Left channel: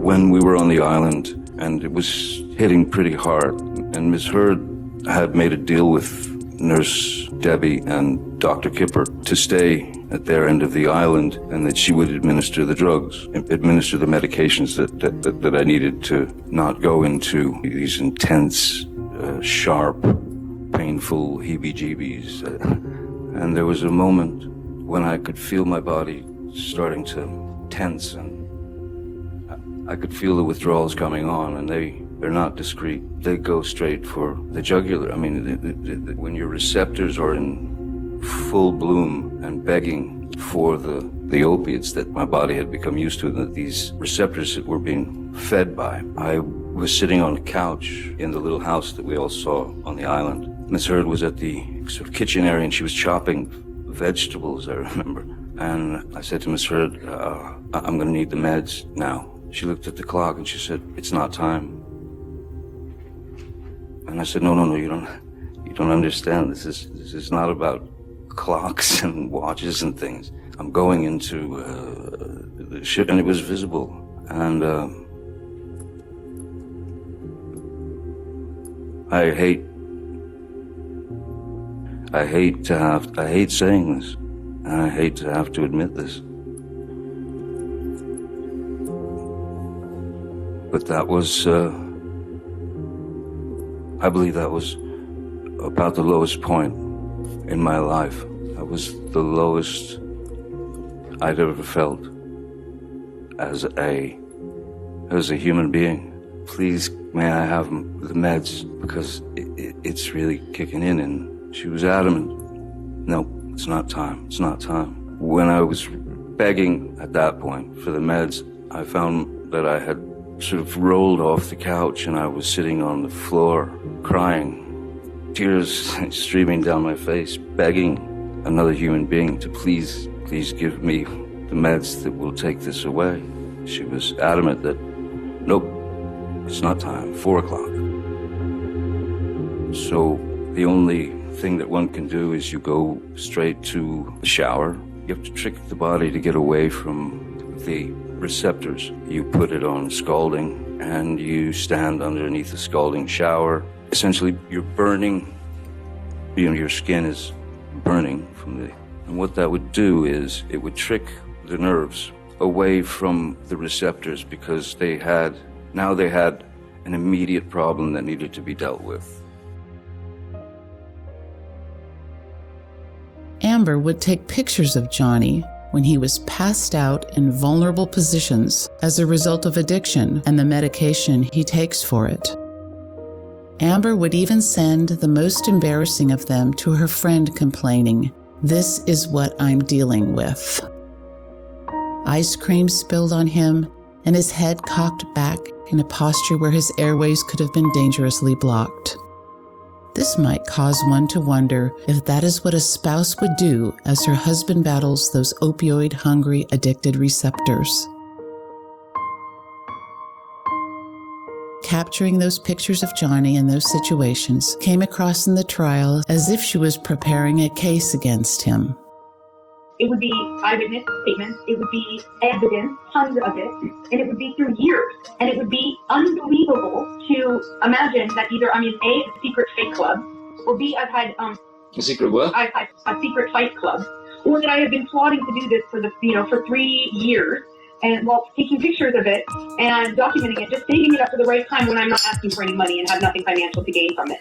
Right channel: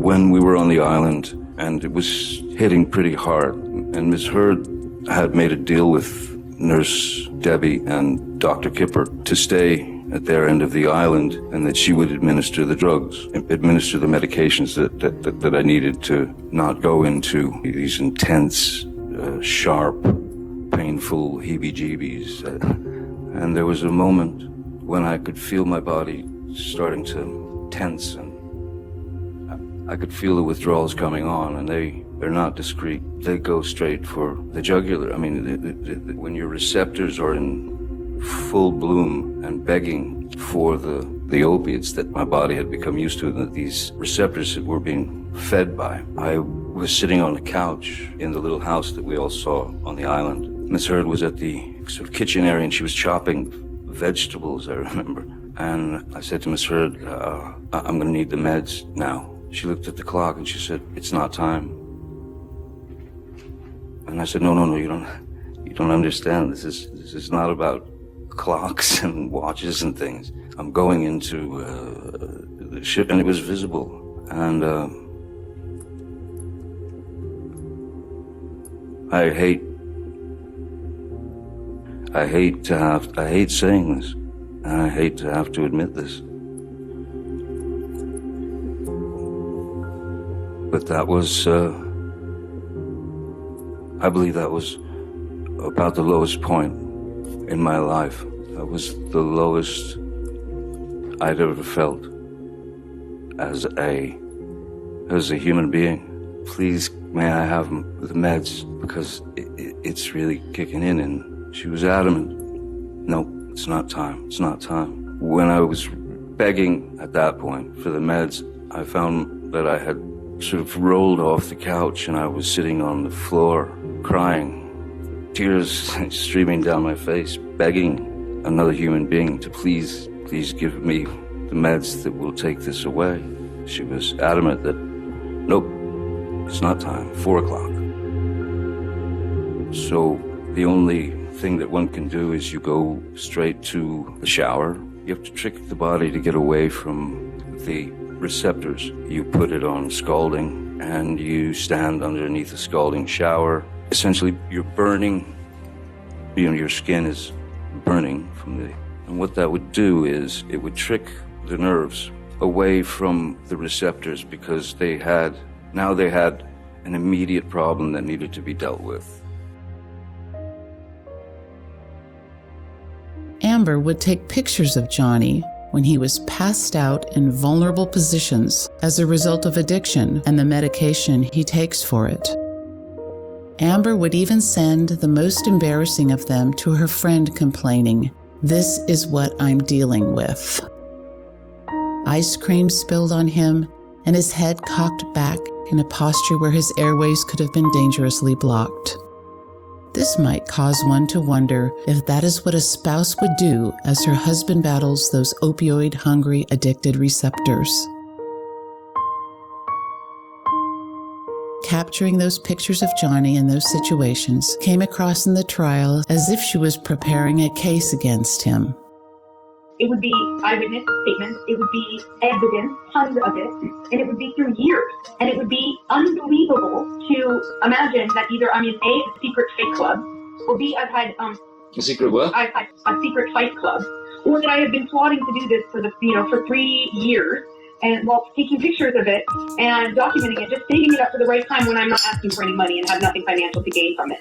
when we were on the island, and it was hitting pretty hard. And Ms. Heard had made a deal with Nurse Debbie and Dr. Kipper to stay at their end of the island, and that she would administer the drugs, administer the medications that I needed to not go into these intense, sharp, painful heebie-jeebies. And there was a moment when I could feel my body starting to tense, and I could feel the withdrawals coming on, and they're not discreet. They go straight for the jugular. I mean, when your receptors are in full bloom and begging for the opiates that my body had become used to, that these receptors that were being fed by. I was sitting on the couch in the little house that we all saw on the island. Miss Heard was at the sort of kitchen area, and she was chopping vegetables, I remember. And I said to Miss Heard, I'm going to need the meds now. She looked at the clock and she said, it's not time. And I said, no, you don't understand. This is not about clocks and watches and things. I'm going into the ship, and it was visible. And I hate saying this, and I hate to have to admit this. But that was, I believe that was about the lowest point in my life. That was the lowest I'd ever felt as a human being. Please, may I have the meds, because it's really kicking in. And she was adamant. No, it's not time. It's not time. When I was begging at that point for the meds, I found that I had sort of rolled off the couch, and I was sitting on the floor crying, tears streaming down my face, begging another human being to please give me the meds that will take this away. She was adamant that, nope, it's not time, 4 o'clock. So the only thing that one can do is you go straight to the shower. You have to trick the body to get away from the receptors. You put it on scalding, and you stand underneath the scalding shower. Essentially, you're burning, your skin is burning and what that would do is it would trick the nerves away from the receptors, because they had an immediate problem that needed to be dealt with. Amber would take pictures of Johnny when he was passed out in vulnerable positions as a result of addiction and the medication he takes for it. Amber would even send the most embarrassing of them to her friend, complaining, "This is what I'm dealing with." Ice cream spilled on him, and his head cocked back in a posture where his airways could have been dangerously blocked. This might cause one to wonder if that is what a spouse would do as her husband battles those opioid-hungry, addicted receptors. Capturing those pictures of Johnny in those situations came across in the trial as if she was preparing a case against him. It would be eyewitness statements, it would be evidence, tons of it, and it would be through years. And it would be unbelievable to imagine that either I'm in a secret fight club, or B, I've had A secret what? a secret fight club, or that I have been plotting to do this for 3 years, and taking pictures of it and documenting it, just saving it up for the right time when I'm not asking for any money and have nothing financial to gain from it.